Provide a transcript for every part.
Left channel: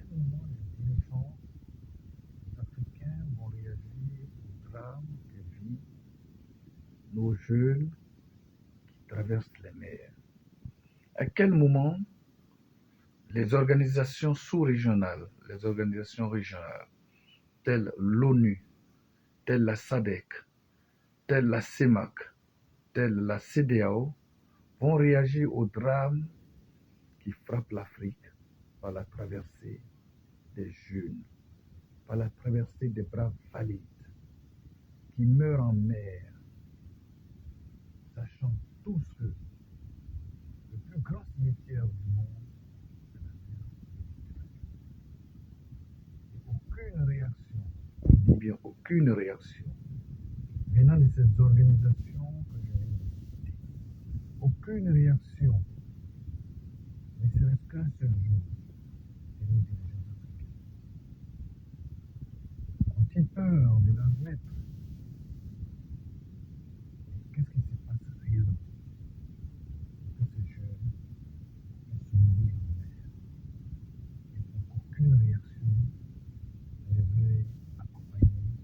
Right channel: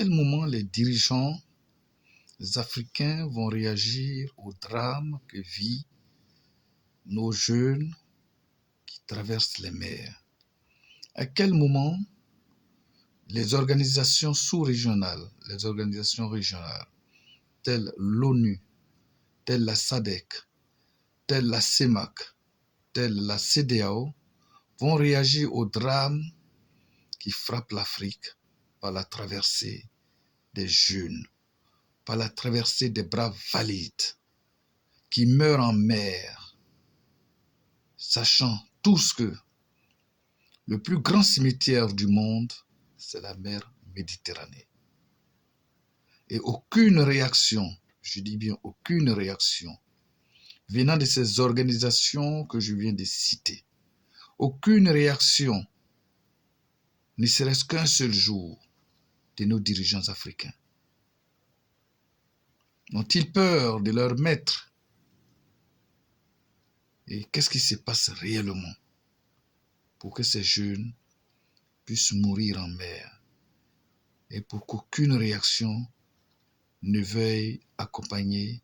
quel moment les dirigeants africains vont réagir au drame que vivent nos jeunes qui traversent les mers? À quel moment les organisations sous-régionales, les organisations régionales, telles l'ONU, telles la SADC, telles la CEMAC, telles la CEDEAO, vont réagir au drame qui frappe l'Afrique par la traversée des jeunes, par la traversée des braves valides qui meurent en mer, sachant tous que le plus grand cimetière du monde, c'est la mer Méditerranée. Et aucune réaction, je dis bien aucune réaction, venant de ces organisations que je viens de citer, aucune réaction, ne serait-ce qu'un seul jour, de nos dirigeants africains. Ont-ils peur de leur maître? Et qu'est-ce qui se passe réellement pour que ces jeunes puissent mourir en mer et pour qu'aucune réaction ne veuille accompagner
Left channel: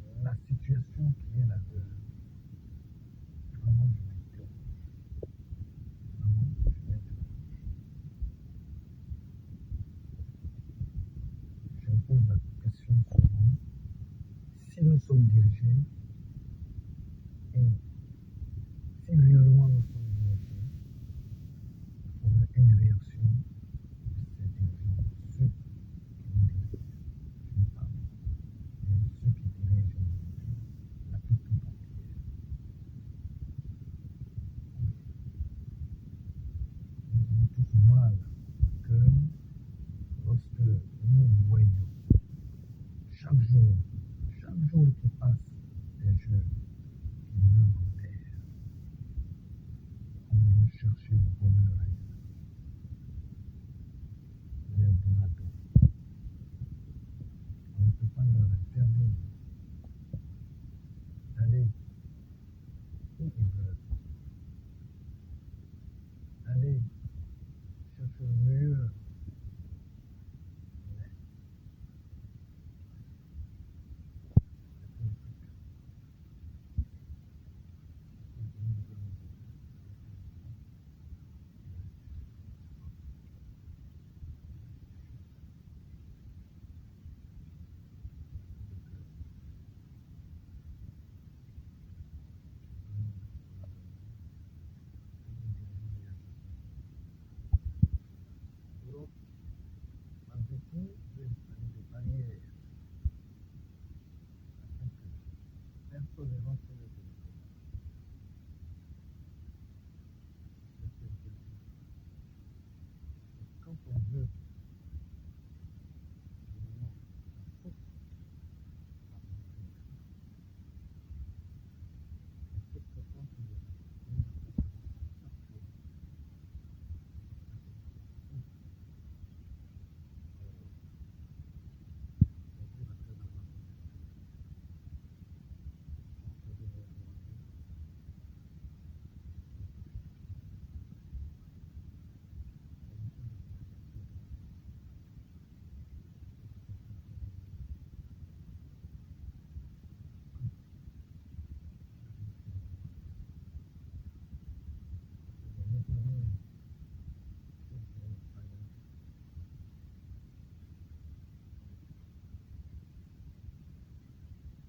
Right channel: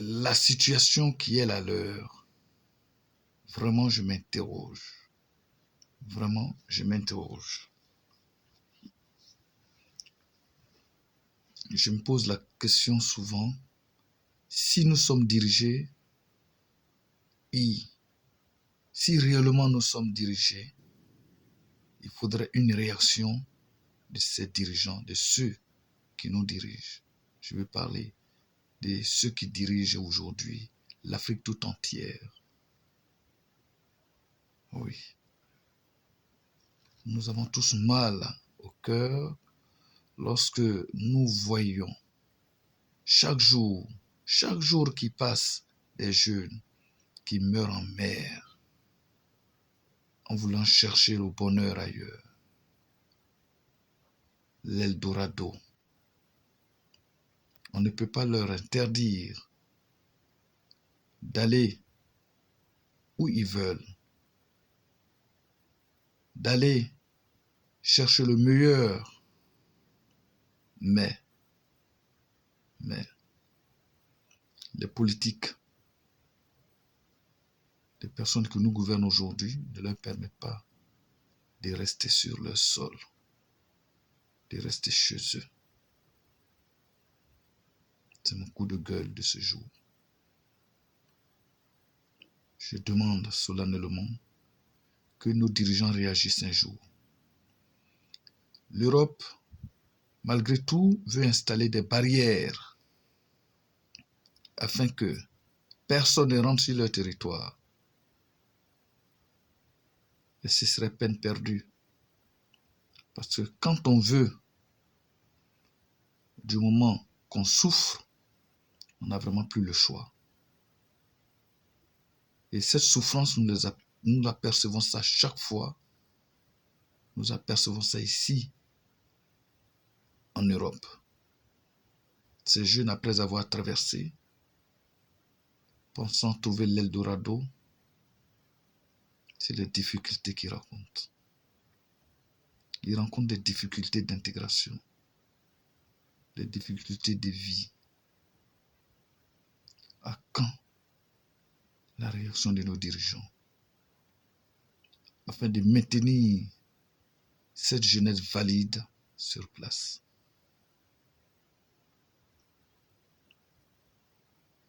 la situation qui est la leur? Vraiment, je m'interroge. Vraiment, je m'interroge. Je me pose la question souvent, si nous sommes dirigés, et si réellement nous sommes dirigés, il faudrait une réaction de ces dirigeants, de ceux qui nous dirigent. Je veux parler de ceux qui dirigent aujourd'hui l'Afrique tout entière. Oui. Nous avons tous mal au cœur lorsque nous voyons chaque jour qui passe, des jeunes qui meurent en mer en voulant chercher le bonheur ailleurs. L'Eldorado. On ne peut pas leur interdire d'aller où ils veulent, d'aller chercher le meilleur. Mais les politiques, les personnes que nous gouvernons aujourd'hui ne leur permettent pas de rester sur leur sol, de rester chez eux. C'est mon coup de gueule de ce jour. Je demande solennellement que nos dirigeants réagissent un jour. L'Europe, malgré tout, veut installer des barrières afin que personne ne rentre sur leur territoire. Et ce serait peine perdue. Parce que quand on veut, du moment qu'on souffre, on n'a vraiment plus le choix. Et cette souffrance, nous apercevons ça chaque fois. Nous apercevons ça ici, en Europe. Ces jeunes, après avoir traversé, pensant trouver l'Eldorado, c'est les difficultés qu'ils rencontrent. Ils rencontrent des difficultés d'intégration, des difficultés de vie. À quand la réaction de nos dirigeants afin de maintenir cette jeunesse valide sur place?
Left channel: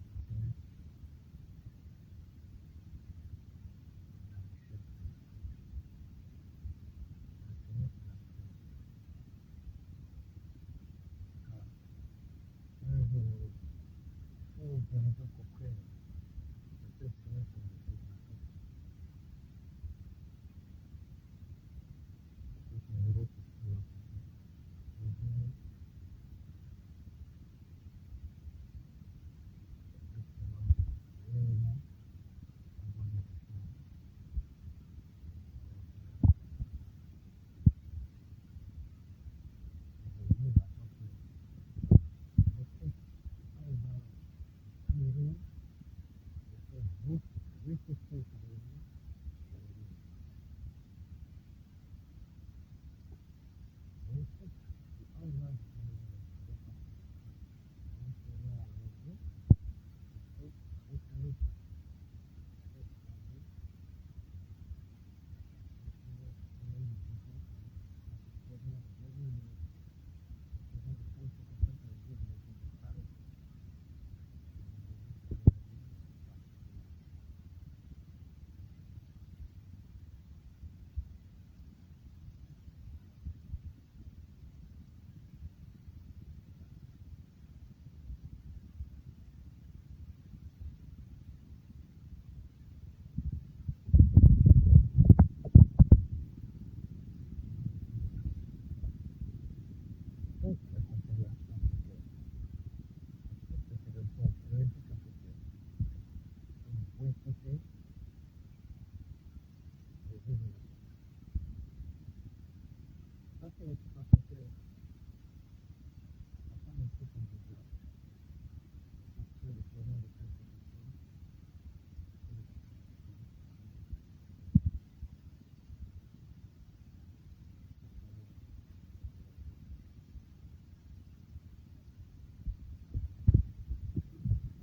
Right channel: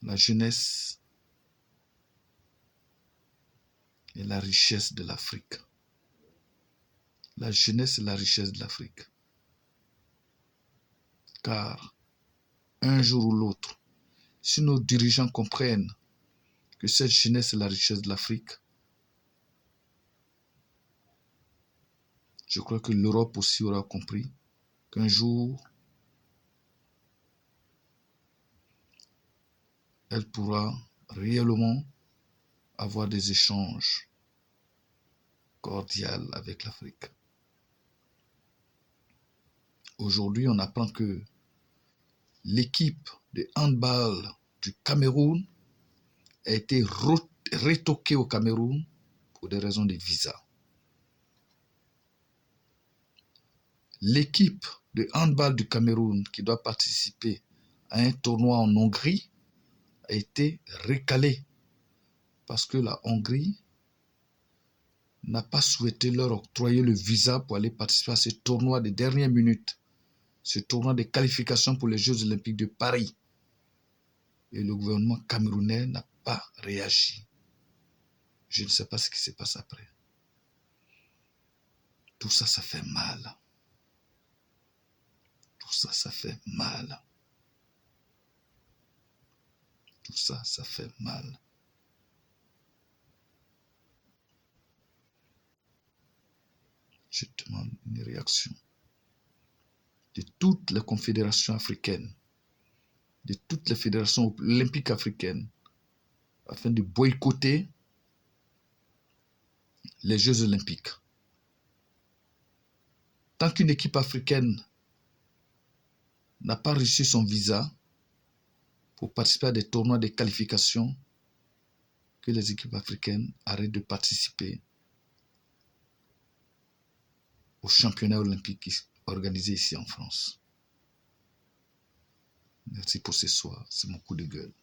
La jeunesse est la richesse de l'Afrique. La jeunesse est la richesse de l'Afrique. Car un jour ou l'autre, si nos dirigeants comprennent que cette jeunesse est la richesse de l'Afrique, je crois que l'Europe aussi aura compris qu'un jour, elle pourra réellement avoir des échanges cordiaux avec l'Afrique. Aujourd'hui, on apprend que l'équipe de handball du Cameroun a été retoquée au Cameroun pour des raisons de visa. l'équipe de handball du Cameroun qui doit participer à un tournoi en Hongrie a été recalée parce que la Hongrie n'a pas souhaité leur octroyer le visa pour aller participer à ce tournoi de dernière minute, ce tournoi de qualification pour les Jeux Olympiques de Paris. Et le gouvernement camerounais n'a pas réagi. Je ne sais pas ce qui se passe après. Tout ça, ça fait mal. Tout ça, ça fait mal. Tout ça, ça fait mal. Je demande une réaction de toutes les confédérations africaines, de toutes les fédérations olympiques africaines, afin de boycotter les Jeux olympiques. Tant qu'une équipe africaine n'a pas reçu son visa pour participer à des tournois de qualification, que les équipes africaines arrêtent de participer aux championnats olympiques organisés ici en France. Merci pour ce soir, c'est mon coup de gueule.